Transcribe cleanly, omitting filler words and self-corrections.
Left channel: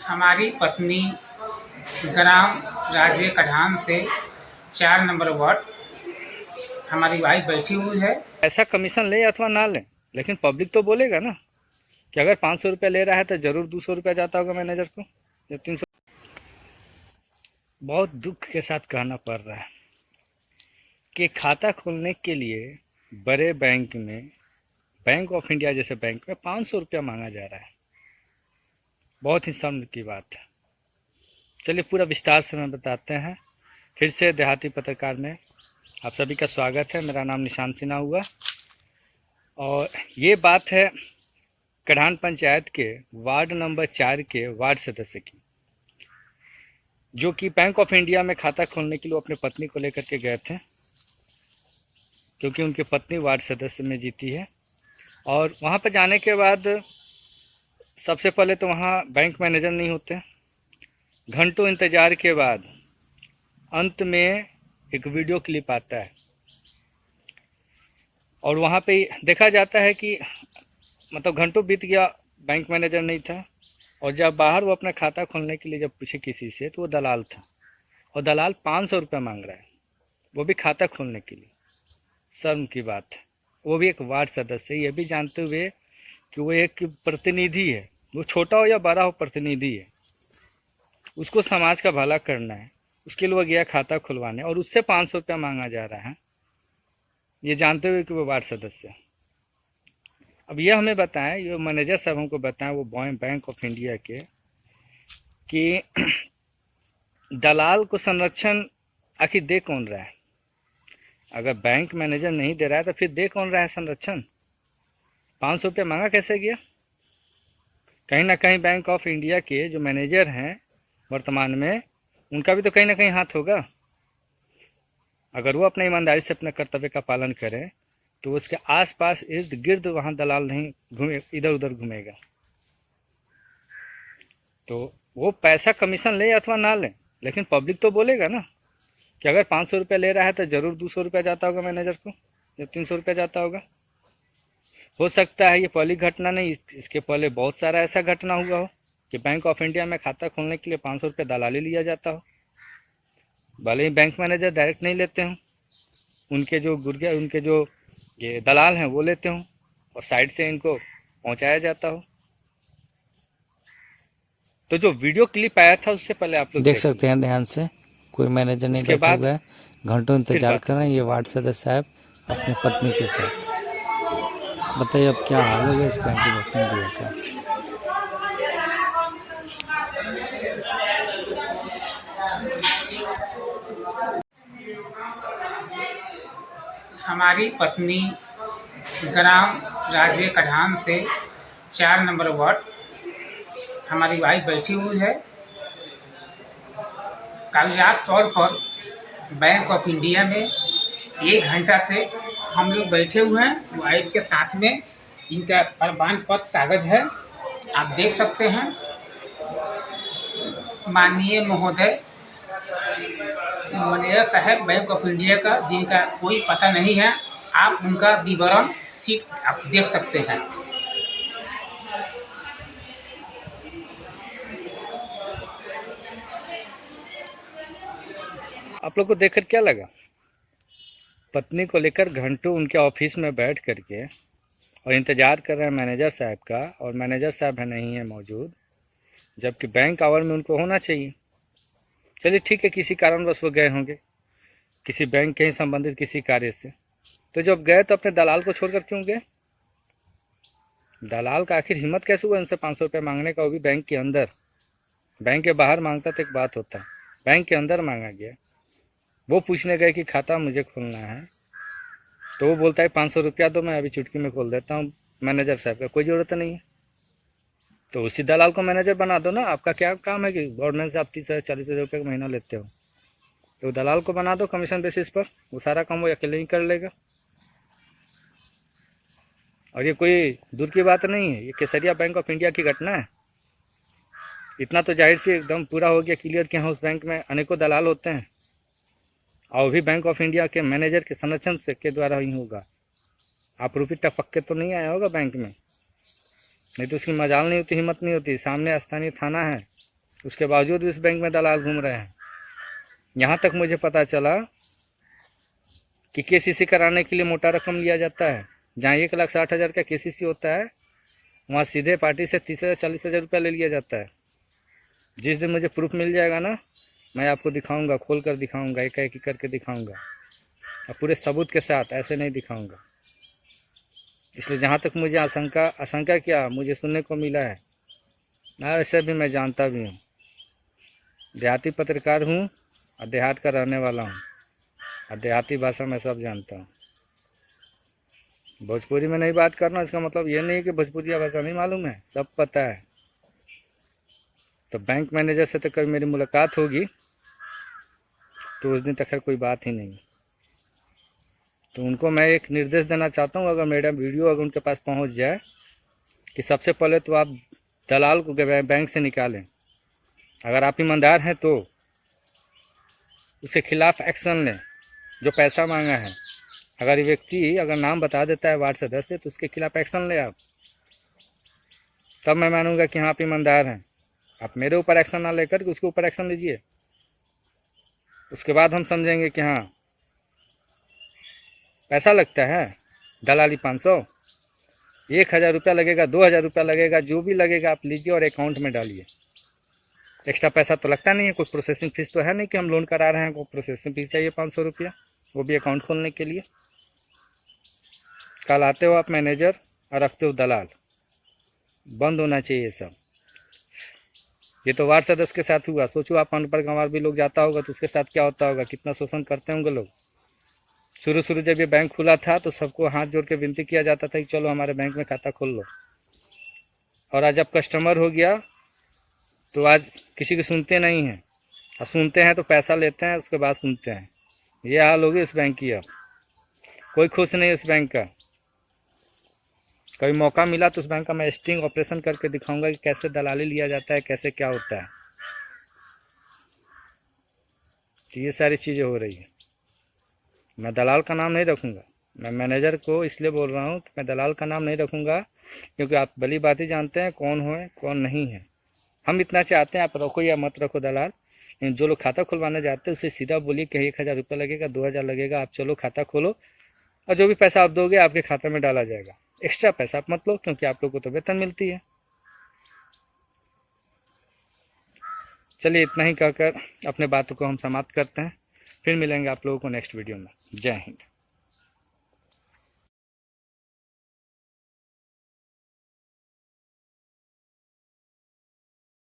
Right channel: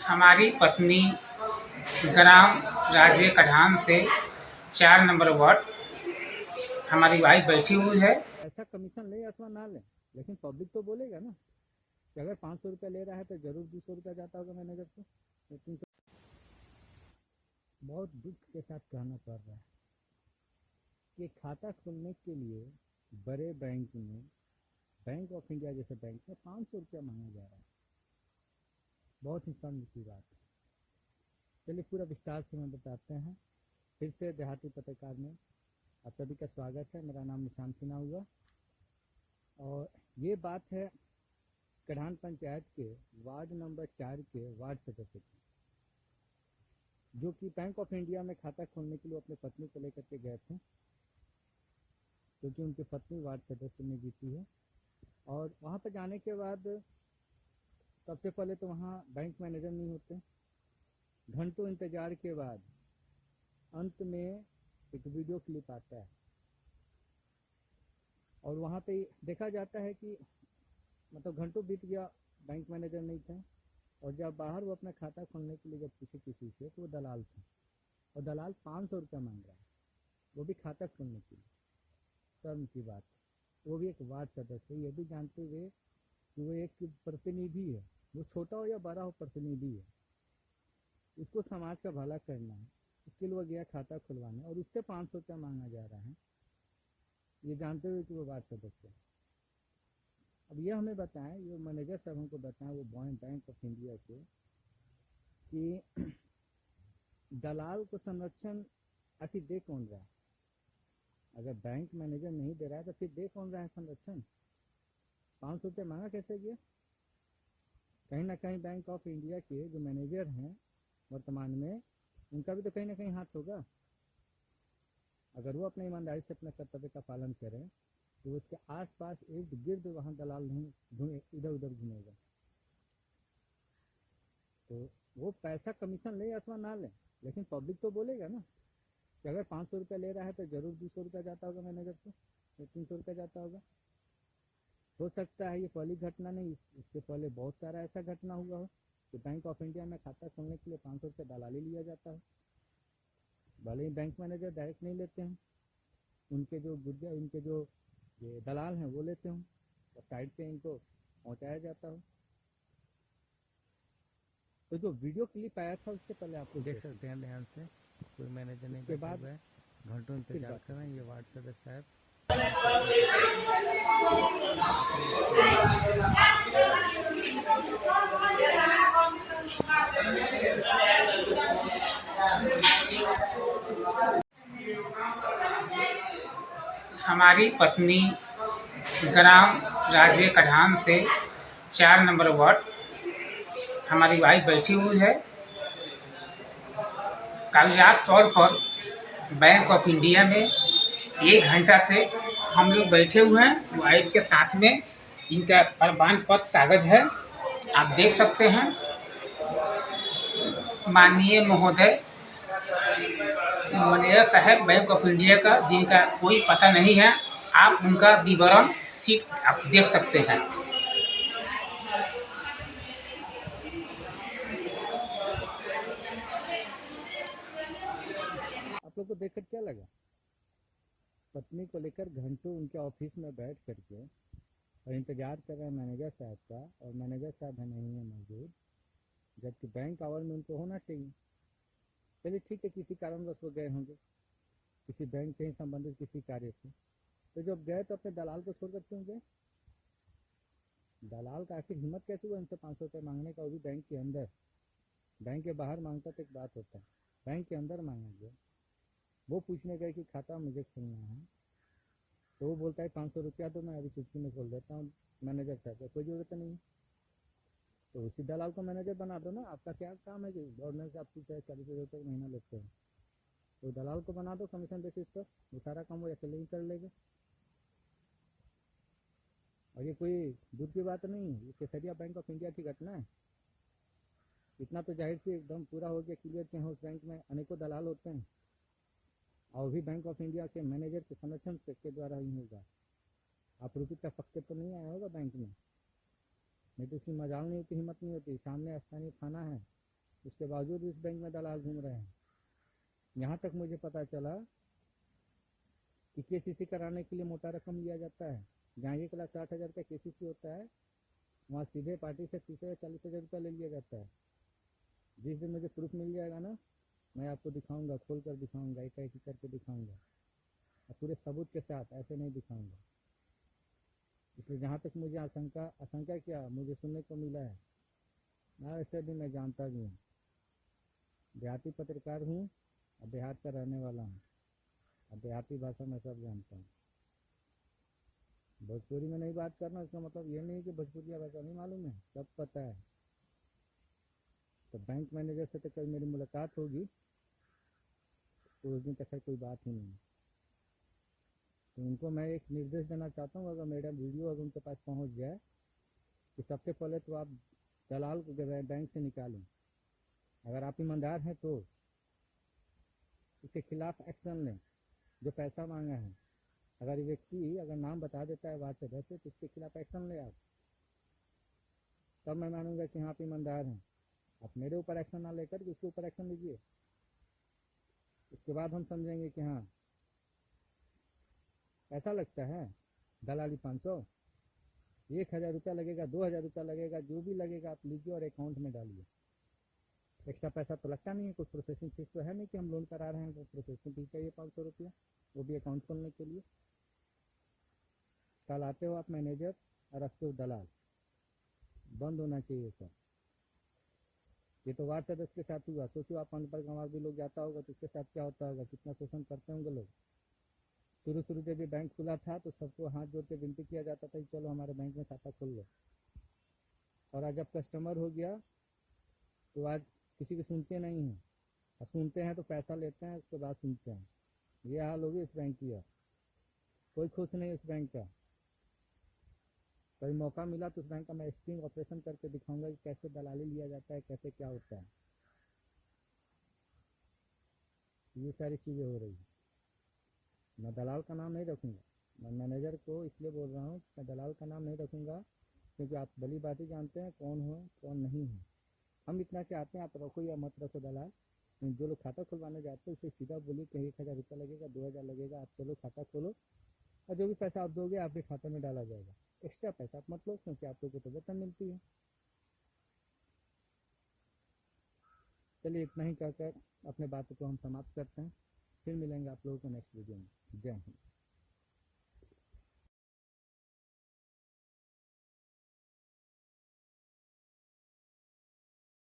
हमारी पत्नी ग्राम राज्य कढ़ान से 4 नंबर वार्ड हमारी वाइफ बैठी हुई है। ऐसा कमीशन ले अथवा ना ले, लेकिन पब्लिक तो बोलेगा ना कि अगर 500 रुपया ले रहा है तो जरूर 200 रुपया जाता होगा मैनेजर को या 300। बहुत दुख के साथ कहना पड़ रहा है कि खाता खोलने के लिए बड़े बैंक में, बैंक ऑफ इंडिया जैसे बैंक में 500 रुपया मांगा जा रहा है। बहुत ही शर्म की बात है। चलिए पूरा विस्तार से मैं बताते हैं। फिर से देहाती पत्रकार में आप सभी का स्वागत है। मेरा नाम निशान सिन्हा हुआ और ये बात है कढ़ान पंचायत के वार्ड नंबर 4 के वार्ड सदस्य की, जो कि बैंक ऑफ इंडिया में खाता खोलने के लिए अपनी पत्नी को लेकर के गए थे, क्योंकि उनकी पत्नी वार्ड सदस्य में जीती है। और वहाँ पर जाने के बाद सबसे पहले तो वहाँ बैंक मैनेजर नहीं होते। घंटों इंतज़ार के बाद अंत में एक वीडियो क्लिप आता है और वहाँ पे देखा जाता है कि मतलब घंटों बीत गया, बैंक मैनेजर नहीं था। और जब बाहर वो अपना खाता खोलने के लिए जब पूछे किसी से तो वो दलाल था, और दलाल 500 रुपये मांग रहा है, वो भी खाता खोलने के लिए। शर्म की बात है, वो भी एक वार्ड सदस्य, ये भी जानते हुए कि वो एक प्रतिनिधि है, वो छोटा हो या बड़ा हो प्रतिनिधि है, उसको समाज का भला करना है, उसके लिए वो गया खाता खुलवाने और उससे 500 रुपया मांगा जा रहा है, ये जानते हुए कि वो वार्ड सदस्य है। अब ये हमें बताएं, ये मैनेजर साहब हमको बताएं, वो बैंक ऑफ इंडिया के, कि दलाल को संरक्षण आखिर दे कौन रहा है? अगर बैंक मैनेजर नहीं दे रहा है तो फिर दे कौन रहा है संरक्षण? 500 रुपये मांगा कैसे गया? कहीं ना कहीं बैंक ऑफ इंडिया के जो मैनेजर हैं वर्तमान में, उनका भी तो कहीं ना कहीं हाथ होगा। अगर वो अपने ईमानदारी से अपने कर्तव्य का पालन करें तो उसके आसपास इर्द गिर्द वहाँ दलाल नहीं घूमे, इधर उधर घूमेगा। तो वो पैसा कमीशन ले अथवा ना ले, लेकिन पब्लिक तो बोलेगा ना कि अगर 500 रुपया ले रहा है तो ज़रूर 200 रुपया जाता होगा मैनेजर को या 300 रुपया जाता होगा। हो सकता है ये पहली घटना नहीं, इसके पहले बहुत सारा ऐसा घटना हुआ हो कि बैंक ऑफ इंडिया में खाता खोलने के लिए 500 रुपया दलाली लिया जाता हो। भले ही बैंक मैनेजर डायरेक्ट नहीं लेते हों, उनके जो गुर्गे, उनके जो ये दलाल हैं वो लेते हों और साइड से इनको पहुंचाया जाता हो। तो जो वीडियो क्लिप आया था उससे पहले आप लोग देख सकते हैं ध्यान से, कोई मैनेजर नहीं बैठा हुआ है, घंटों इंतजार कर रहे हैं। ये वार्ड सदस्य साहब अपनी पत्नी के साथ। बताइए अब क्या हाल होगा इस बैंक ऑफ इंडिया का। हमारी पत्नी ग्राम राज्य कढ़ान से 4 नंबर वार्ड हमारी वाइफ बैठी हुई है। कागजात तौर पर बैंक ऑफ इंडिया में 1 घंटा से हम लोग बैठे हुए हैं। वाइफ के साथ में इनका प्रमाण पत्र कागज है, आप देख सकते हैं। माननीय महोदय मैनेजर साहब बैंक ऑफ इंडिया का, जिनका कोई पता नहीं है, आप उनका विवरण शीट आप देख सकते हैं। आप लोग को देखकर क्या लगा? पत्नी को लेकर घंटों उनके ऑफिस में बैठ करके और इंतज़ार कर रहे हैं मैनेजर साहब का, और मैनेजर साहब है नहीं है मौजूद, जबकि बैंक आवर में उनको होना चाहिए। चलिए ठीक है, किसी कारणवश वो गए होंगे, किसी बैंक के ही संबंधित किसी कार्य से। तो जब गए तो अपने दलाल को छोड़कर क्यों गए? दलाल का आखिर हिम्मत कैसे हुआ इनसे 500 रुपये मांगने का, वो भी बैंक के अंदर? बैंक के बाहर मांगता तो एक बात होता है, बैंक के अंदर मांगा गया। वो पूछने गए कि खाता मुझे खोलना है, तो वो बोलता है 500 रुपया दो, मैं अभी चुटकी में खोल देता हूँ। मैनेजर साहब का कोई ज़रूरत नहीं है, तो उसी दलाल को मैनेजर बना दो ना। आपका क्या काम है कि गवर्नमेंट से आप 30,000-40,000 रुपये का महीना लेते हो, तो दलाल को बना दो कमीशन बेसिस पर, वो सारा काम वो अकेले ही कर लेगा। और ये कोई दूर की बात नहीं है, ये केसरिया बैंक ऑफ इंडिया की घटना है। इतना तो जाहिर सी एकदम पूरा हो गया क्लियर कि हाँ, उस बैंक में अनेकों दलाल होते हैं, और भी बैंक ऑफ इंडिया के मैनेजर के संरक्षण से के द्वारा ही होगा। आप रुपये टपक के तो नहीं आया होगा बैंक में। नहीं तो उसकी मजाल नहीं होती, हिम्मत नहीं होती। सामने स्थानीय थाना है, उसके बावजूद भी इस बैंक में दलाल घूम रहे हैं। यहाँ तक मुझे पता चला कि केसीसी कराने के लिए मोटा रकम लिया जाता है। जहाँ 1,60,000 का केसीसी होता है, वहाँ सीधे पार्टी से 30,000-40,000 रुपया ले लिया जाता है। जिस दिन मुझे प्रूफ मिल जाएगा ना, मैं आपको दिखाऊंगा, खोल कर दिखाऊंगा, एक एक करके दिखाऊंगा, और पूरे सबूत के साथ, ऐसे नहीं दिखाऊंगा। इसलिए जहाँ तक मुझे आशंका क्या मुझे सुनने को मिला है, ना वैसे भी मैं जानता भी हूँ, देहाती पत्रकार हूँ और देहात का रहने वाला हूँ, और देहाती भाषा मैं सब जानता हूँ। भोजपुरी में नहीं बात करना इसका मतलब ये नहीं कि भोजपुरिया भाषा नहीं मालूम है, सब पता है। तो बैंक मैनेजर से तो कभी मेरी मुलाकात होगी तो उस दिन तक खैर कोई बात ही नहीं। तो उनको मैं एक निर्देश देना चाहता हूँ, अगर मेरा वीडियो अगर उनके पास पहुँच जाए, कि सबसे पहले तो आप दलाल को बैंक से निकालें। अगर आप ईमानदार हैं तो उसके खिलाफ एक्शन लें जो पैसा मांगा है। अगर व्यक्ति अगर नाम बता देता है वार्ड सदस्य तो उसके खिलाफ एक्शन ले आप, तब मैं मानूंगा कि हाँ आप ईमानदार हैं। आप मेरे ऊपर एक्शन ना लेकर के उसके ऊपर एक्शन लीजिए, उसके बाद हम समझेंगे कि हाँ पैसा लगता है, दलाली 500, 1,000 रुपया लगेगा, 2,000 रुपया लगेगा, जो भी लगेगा आप लीजिए और अकाउंट में डालिए। एक्स्ट्रा पैसा तो लगता नहीं है, कोई प्रोसेसिंग फीस तो है नहीं कि हम लोन करा रहे हैं, कोई प्रोसेसिंग फीस चाहिए 500 रुपया, वो भी अकाउंट खोलने के लिए। कल आते हो आप मैनेजर और रखते हो दलाल, बंद होना चाहिए ये सब। ये तो वार्ड सदस्य के साथ हुआ, सोचो आप अनपढ़ गंवार भी लोग जाता होगा तो उसके साथ क्या होता होगा, कितना शोषण करते होंगे लोग। शुरू जब ये बैंक खुला था तो सबको हाथ जोड़ के विनती किया जाता था कि चलो हमारे बैंक में खाता खोल लो, और आज जब कस्टमर हो गया तो आज किसी की सुनते नहीं हैं, और सुनते हैं तो पैसा लेते हैं, उसके बाद सुनते हैं। ये हाल होगी इस बैंक की। अब कोई खुश नहीं इस बैंक का। कभी मौका मिला तो उस बैंक का मैं स्टिंग ऑपरेशन करके दिखाऊंगा कि कैसे दलाली लिया जाता है, कैसे क्या होता है। तो ये सारी चीज़ें हो रही है। मैं दलाल का नाम नहीं रखूँगा, मैं मैनेजर को इसलिए बोल रहा हूँ कि मैं दलाल का नाम नहीं रखूँगा, क्योंकि आप भली बात ही जानते हैं कौन हो कौन नहीं है। हम इतना चाहते हैं आप रखो या मत रखो दलाल, लेकिन जो लोग खाता खुलवाने जाते हैं उसे सीधा बोलिए कि 1,000 रुपया लगेगा, 2,000 लगेगा, आप चलो खाता खोलो, और जो भी पैसा आप दोगे आपके खाते में डाला जाएगा। एक्स्ट्रा पैसा आप मत लो, क्योंकि आप लोग को तो वेतन मिलती है। चलिए इतना ही कहकर अपने बातों को हम समाप्त करते हैं, फिर मिलेंगे आप लोगों को नेक्स्ट वीडियो में। जय हिंद।